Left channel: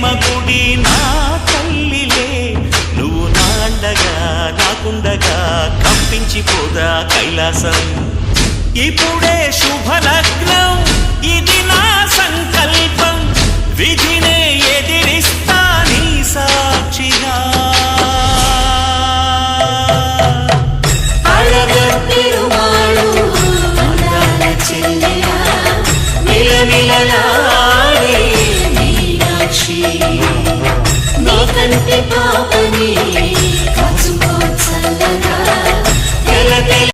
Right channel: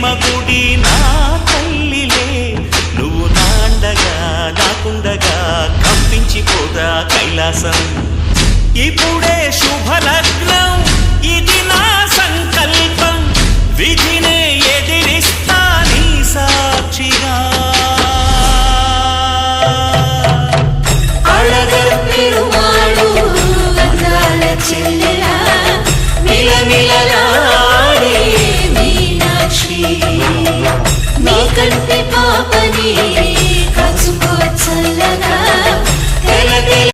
ప్రేమ గుడి నా తల్లిలే, నువ్వు నాండగా నాకుండగా కంపించిపోదా కైలాసం. ఇప్పుడే శుభలగ్నం, ఇది నా సంకల్పం, విధినే ఎదిరిస్తా నీ సాక్షిగా. అళగర్ పెరుమాళు అందాల చెల్లెలా, మిలమిలలాడే మీనాక్షి, నాకంటే పాపని కాసుకో చల్లగా.